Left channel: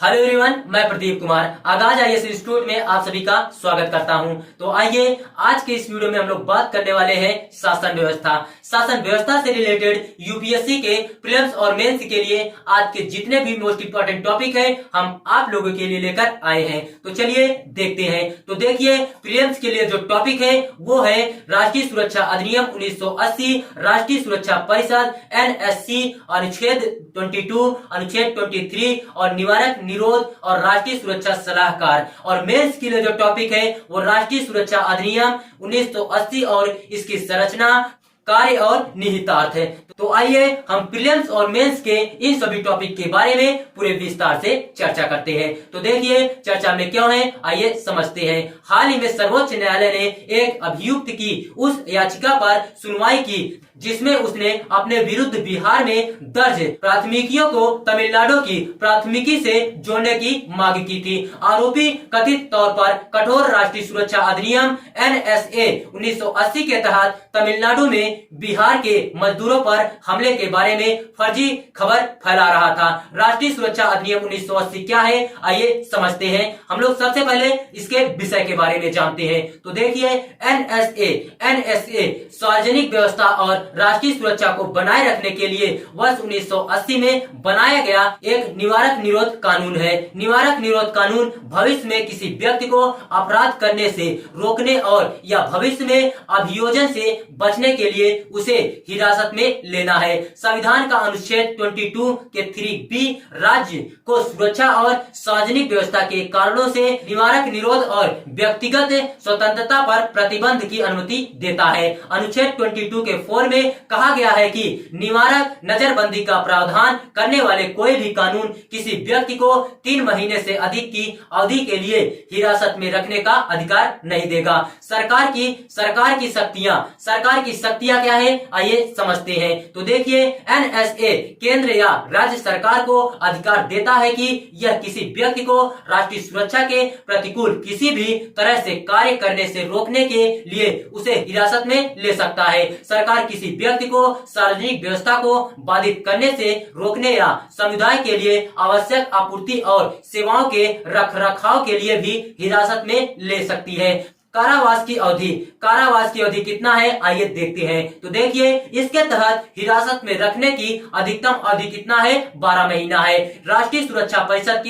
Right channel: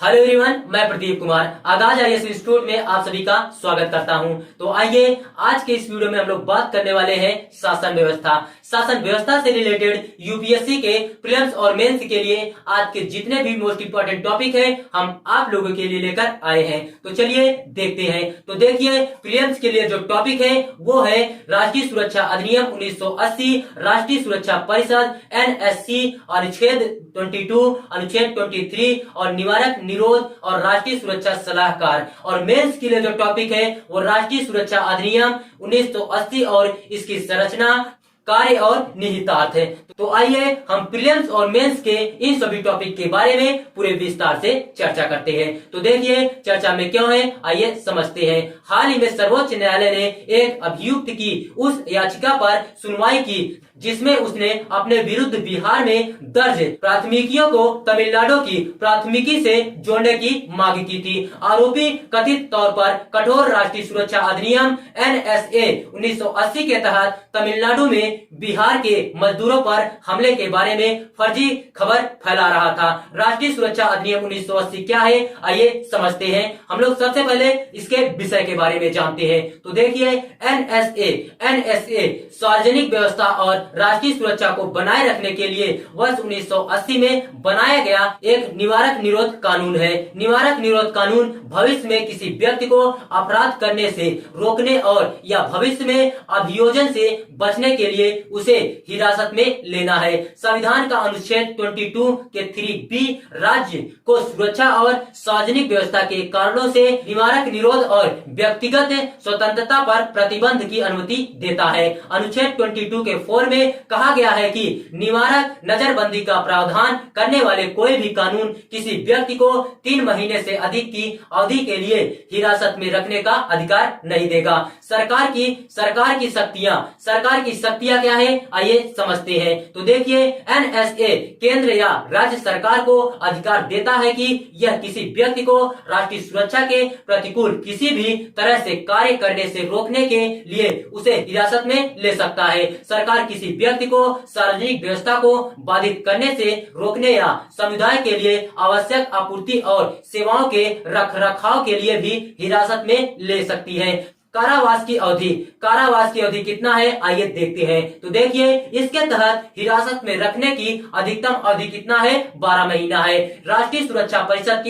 Hello everyone, मैं प्रदीप कुमार आगाज IAS institute में आप सभी का स्वागत करता हूं। तो आइए आज के इस वीडियो में हम लोग बात करने वाले हैं शासन व्यवस्था। शासन व्यवस्था से रिलेटेड यूपीएससी के प्रीलिम्स और मेंस के लिए आज के जितने भी मोस्ट इंपोर्टेंट टॉपिक है हम आप लोगों के लिए लेकर आए हैं। तो चलिए देखते हैं। तो देखिए, प्रीलिम्स के लिए जो टॉपिक है वो है राष्ट्रीय सुरक्षा अधिनियम 1980, राष्ट्रीय सुरक्षा परिषद एनएससी, अनुच्छेद 22, अनुच्छेद 23 और निवारक निरोध और राष्ट्रीय सुरक्षा सलाहकार। और मेंस के लिए जो टॉपिक है वो राष्ट्रीय सुरक्षा अधिनियम 1980 और इसकी संरचना, कार्य और निहितार्थ है। तो आइए हम प्रीलिम्स और मेंस के इन सभी टॉपिक के बारे में पूरे विस्तार से चर्चा करते हैं। तो देखिए चर्चा में क्यों है, आइए समझते हैं। हाल ही में सर्वोच्च न्यायालय ने एक अभियुक्त की उस याचिका पर सुनवाई की जिसमें उसने अपने विरुद्ध बिहार में दर्ज प्राथमिकियों को तमिलनाडु की प्राथमिकी से जोड़ने की मांग की थी। आरोपी कथित तौर पर कठोर राष्ट्रीय सुरक्षा अधिनियम एनएसए 1980 के तहत तमिलनाडु में बिहार के मजदूरों पर हमले के बारे में फर्जी खबर फैला रहा था। राष्ट्रीय सुरक्षा अधिनियम 1980 क्या है, आइए समझते हैं। हम लोग सबसे पहले इसके विषय के बारे में जानते हैं। तो देखिए, एनएसए सार्वजनिक व्यवस्था और राष्ट्रीय सुरक्षा को बनाए रखने के लिए वर्ष 1980 में बनाया गया एक निवारक निरोध कानून है। निवारक निरोध कानून भविष्य में किसी व्यक्ति को अपराध करने से रोकने और या भविष्य में अभियोजन से बचने के लिए उसे हिरासत में लेना है। संविधान का अनुच्छेद 22 के 3B राज्य को सुरक्षा और सार्वजनिक व्यवस्था के कारणों से निवारक निरोध और व्यक्तिगत स्वतंत्रता पर प्रतिबंध की अनुमति देता है। अनुच्छेद 22 के 4 में कहा गया है कि निवारक नजरबंदी का प्रावधान करने वाले कोई भी कानून किसी व्यक्ति को 3 महीने से अधिक की अवधि के लिए हिरासत में रखने का अधिकार नहीं देगा। सरकार की शक्तियां क्या है, आइए समझते हैं। तो देखिए, एनएसए केंद्र या राज्य सरकार को अधिकार देता है कि यह किसी व्यक्ति को राष्ट्रीय सुरक्षा के प्रतिकूल किसी भी तरह से कार्य करने से रोकने के लिए उसे हिरासत में ले सकता है। सरकार किसी व्यक्ति को सार्वजनिक व्यवस्था को बाधित करने से रोकने या समुदाय के लिए आवश्यक आपूर्ति और सेवाओं के रखरखाव के लिए भी हिरासत में ले सकती है। कारावास की अवधि कितना है, आइए देखते हैं। तो देखिए, इसके तहत हिरासत में रखने की अधिकतम अवधि कितना है, 12 महीना है। राष्ट्रीय सुरक्षा परिषद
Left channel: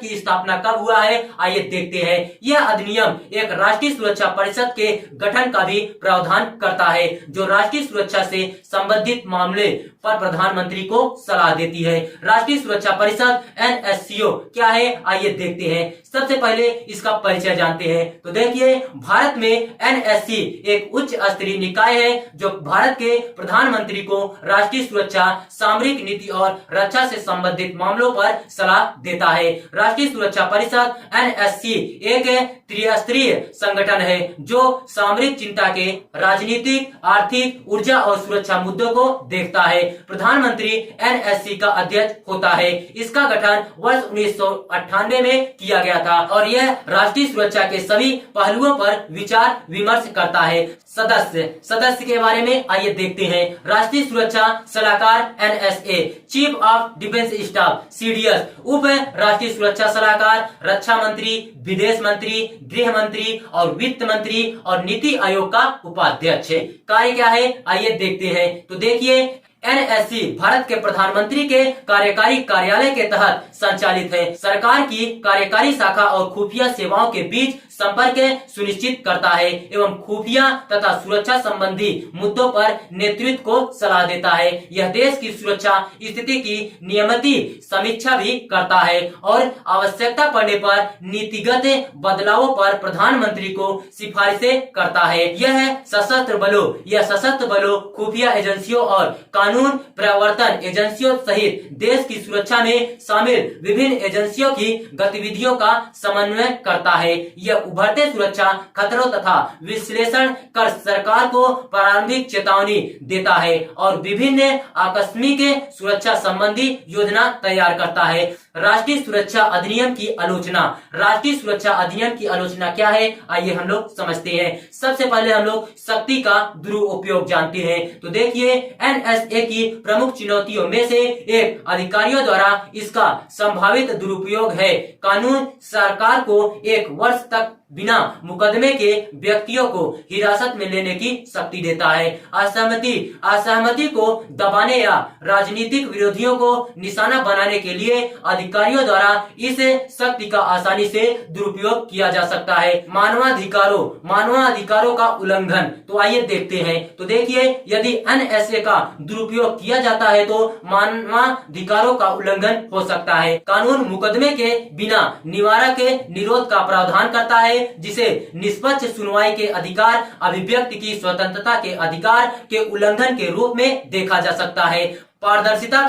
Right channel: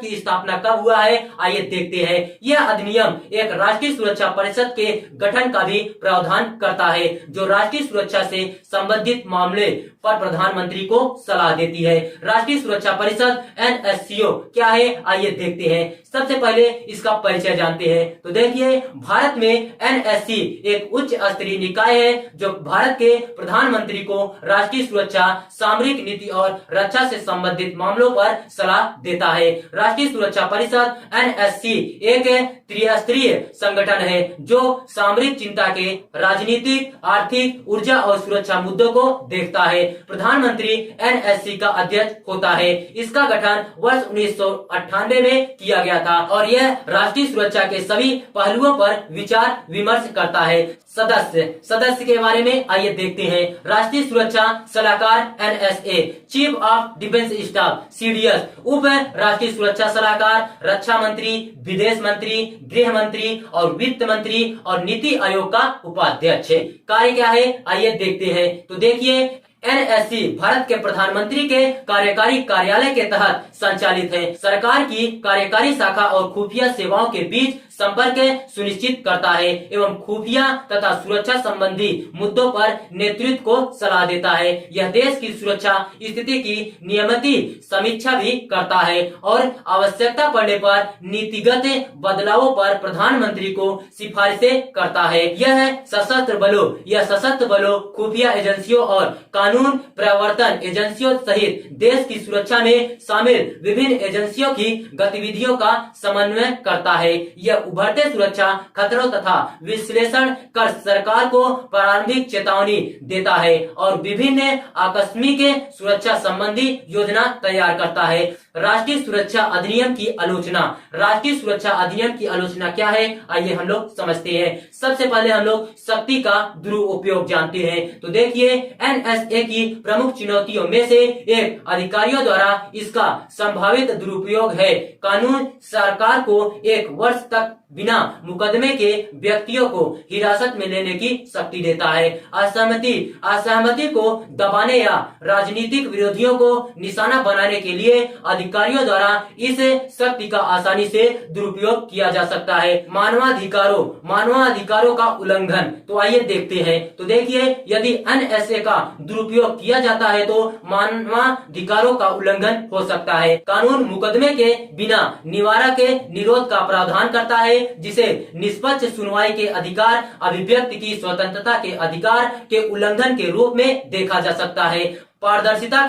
की स्थापना कब हुआ है, आइए देखते हैं। यह अधिनियम एक राष्ट्रीय सुरक्षा परिषद के गठन का भी प्रावधान करता है जो राष्ट्रीय सुरक्षा से संबंधित मामले पर प्रधानमंत्री को सलाह देती है। राष्ट्रीय सुरक्षा परिषद एनएससीओ क्या है, आइए देखते हैं। सबसे पहले इसका परिचय जानते हैं। तो देखिए, भारत में एनएससी एक उच्च स्तरीय निकाय है जो भारत के प्रधानमंत्री को राष्ट्रीय सुरक्षा, सामरिक नीति और रक्षा से संबंधित मामलों पर सलाह देता है। राष्ट्रीय सुरक्षा परिषद एनएससी एक त्रिस्तरीय संगठन है जो सामरिक चिंता के राजनीतिक, आर्थिक, ऊर्जा और सुरक्षा मुद्दों को देखता है। प्रधानमंत्री एनएससी का अध्यक्ष होता है। इसका गठन वर्ष 1998 में किया गया था और यह राष्ट्रीय सुरक्षा के सभी पहलुओं पर विचार विमर्श करता है। सदस्य के बारे में आइए देखते हैं। राष्ट्रीय सुरक्षा सलाहकार NSA, chief of defence staff CDS, उप राष्ट्रीय सुरक्षा सलाहकार, रक्षा मंत्री, विदेश मंत्री, गृह मंत्री और वित्त मंत्री और नीति आयोग का उपाध्यक्ष। कार्य क्या है, आइए देखते हैं। तो देखिए, एनएससी भारत के प्रधानमंत्री के कार्यकारी कार्यालय के तहत संचालित है। सरकार की कार्यकारी शाखा और खुफिया सेवाओं के बीच संपर्क सुनिश्चित करता है एवं खुफिया तथा सुरक्षा संबंधी मुद्दों पर नेतृत्व को सलाह देता है। यह देश की सुरक्षा स्थिति की नियमित समीक्षा भी करता है और आवश्यकता पड़ने पर नीतिगत बदलावों पर प्रधानमंत्री को सिफारिशें करता है। यह सशस्त्र बलों, खुफिया एजेंसियों और कानून प्रवर्तन एजेंसियों सहित देश की सुरक्षा में शामिल विभिन्न एजेंसियों की गतिविधियों का समन्वय करता है। यह उभरते सुरक्षा खतरों तथा विश्लेषण कर सरकार को प्रारंभिक चेतावनी देता है और विभिन्न आकस्मिक सुरक्षा संबंधी योजना तैयार करता है। राष्ट्रीय सुरक्षा अधिनियम की आलोचना। राष्ट्रीय सुरक्षा अधिनियम की आलोचना क्या है, आइए हम लोग समझते हैं। सबसे पहले हम लोग शक्ति का दुरुपयोग जानते हैं। तो देखिए, एनएसए NSA की प्रमुख चुनौतियों में से एक अधिकारियों द्वारा इसका संभावित दुरुपयोग है। कानून सरकार को 1 वर्ष तक बिना मुकदमे के व्यक्तियों को हिरासत में लेने की शक्ति देता है। असहमति को दबाने या राजनीतिक विरोधियों को निशाना बनाने के लिए अधिकारियों द्वारा इस शक्ति का आसानी से दुरुपयोग किया जा सकता है। मानवाधिकारों का उल्लंघन, तो आइए देखते हैं। तो देखिए, यदि NSA का दुरुपयोग किया जाता है तो मानवाधिकारों का उल्लंघन हो सकता है। कानून मुकदमे के बिना निवारक के निरोध का प्रावधान करता है, जिसे निष्पक्ष सुनवाई के अधिकार, अभिव्यक्ति की स्वतंत्रता के अधिकार के उल्लंघन के रूप में देखा जा सकता है। पारदर्शिता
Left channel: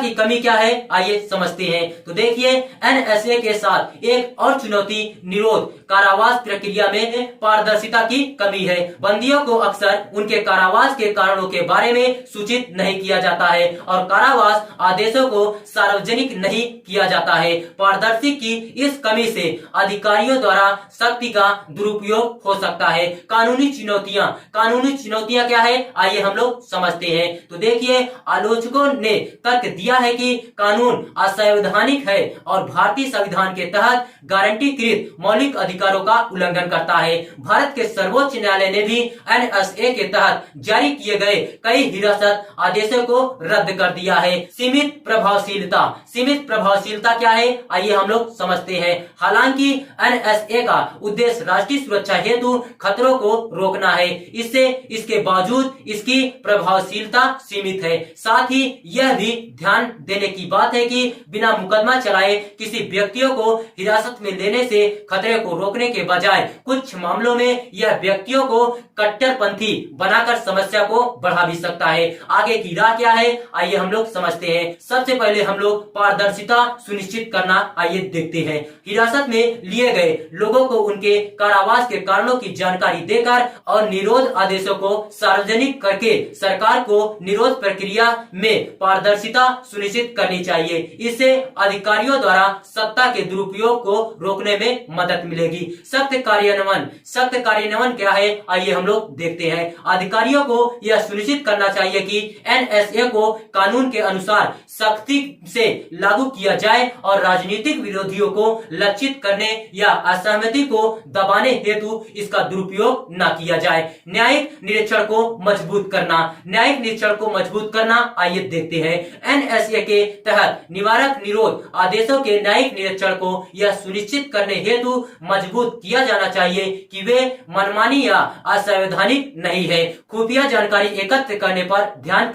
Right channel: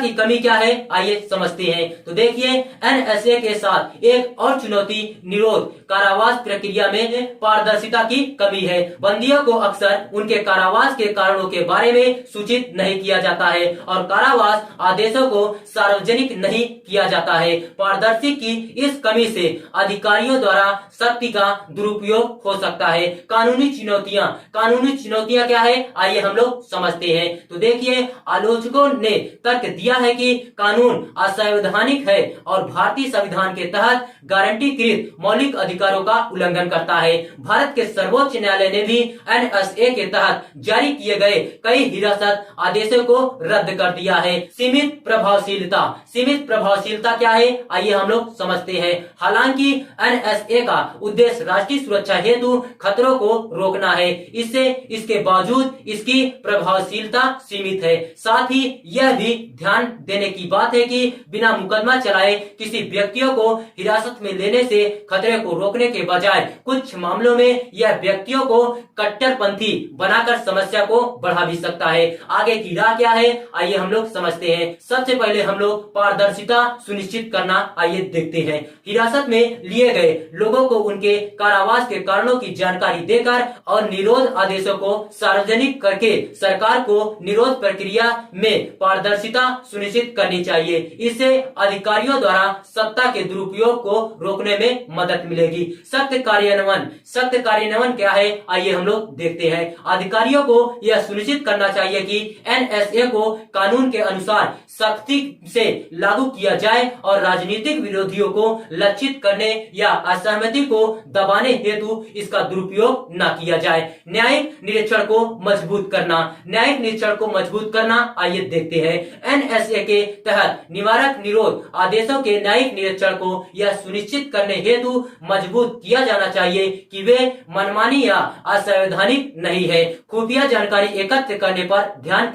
की कमी क्या है, आइए समझते हैं। तो देखिए, NSA के साथ एक और चुनौती निरोध कारावास प्रक्रिया में पारदर्शिता की कमी है। बंदियों को अक्सर उनके कारावास के कारणों के बारे में सूचित नहीं किया जाता है और कारावास आदेशों को सार्वजनिक नहीं किया जाता है। पारदर्शी की इस कमी से अधिकारियों द्वारा शक्ति का दुरुपयोग हो सकता है। कानूनी चुनौतियां क्या है, आइए हम लोग समझते हैं। तो देखिए, आलोचकों ने तर्क दिया है कि कानून असंवैधानिक है और भारतीय संविधान के तहत गारंटीकृत मौलिक अधिकारों का उल्लंघन करता है। भारत के सर्वोच्च न्यायालय ने भी NSA के तहत जारी किए गए कई हिरासत आदेशों को रद्द कर दिया है। सीमित प्रभावशीलता क्या है, आइए हम लोग समझते हैं। हालांकि NSA का उद्देश्य राष्ट्रीय सुरक्षा हेतु खतरों को रोकना है, इसके बावजूद इसकी प्रभावशीलता सीमित है। साथ ही यह भी ध्यान देने की बात है कि बिना मुकदमा चलाए किसी व्यक्तियों को हिरासत में लेने से खतरे को रोकने के बजाय कुछ मामलों में यह व्यक्तियों को कट्टरपंथी बनाकर समस्या को बढ़ा भी सकता है। आगे की राह क्या है, आइए हम लोग समझते हैं। सबसे पहले हम लोग पारदर्शिता सुनिश्चित करना आइए देखते हैं। हिरासत में लिए गए लोगों को उनके कारावास के कारणों की जानकारी देकर और निरोध आदेशों को सार्वजनिक करके सरकार को निरोध प्रक्रिया में पारदर्शिता सुनिश्चित करनी चाहिए। इससे अधिकारियों द्वारा सत्ता के दुरुपयोग को रोकने में मदद मिलेगी। सख्त कार्यान्वयन क्या है, आइए हम लोग देखते हैं। अधिकारियों को यह सुनिश्चित करना चाहिए कि NSA को कानून के अनुसार सख्ती से लागू किया जाए और राजनीतिक विरोधियों को लक्षित करने या असहमति को दबाने हेतु इसका दुरुपयोग न किया जाए। न्यायिक निरीक्षण को मजबूत करना आइए देखते हैं। NSA के तहत निवारक निरोध आदेशों के न्यायिक निरीक्षण को यह सुनिश्चित करने हेतु मजबूत किया जाना चाहिए कि वे मनमानी या असंवैधानिक नहीं है। खुफिया जानकारी एकत्र करने पर ध्यान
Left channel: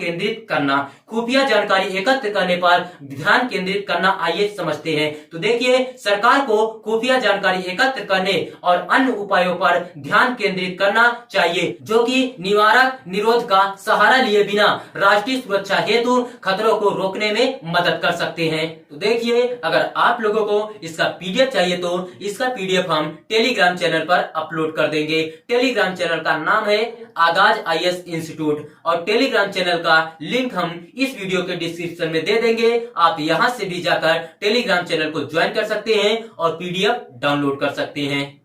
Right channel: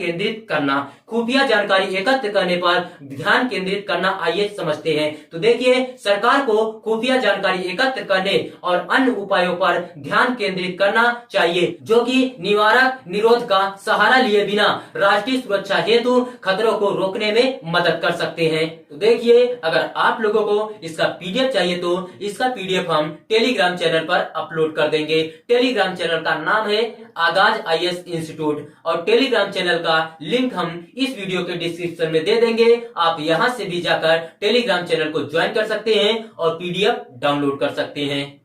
केंद्रित करना आइए समझते हैं। तो देखिए, सरकार को खुफिया जानकारी एकत्र करने और अन्य उपायों पर ध्यान केंद्रित करना चाहिए, जो कि निवारक निरोध का सहारा लिए बिना राष्ट्रीय सुरक्षा हेतु खतरों को रोकने में मदद कर सकते हैं। तो देखिए, अगर आप लोगों को इसका PDF चाहिए तो इसका PDF हम टेलीग्राम चैनल पर अपलोड कर देंगे। टेलीग्राम चैनल का नाम है आगाज IAS इंस्टीट्यूट और टेलीग्राम चैनल का लिंक हम इस वीडियो के डिस्क्रिप्शन में दे देंगे। आप यहां से भी जाकर टेलीग्राम चैनल को ज्वाइन कर सकते हैं और PDF डाउनलोड कर सकते हैं।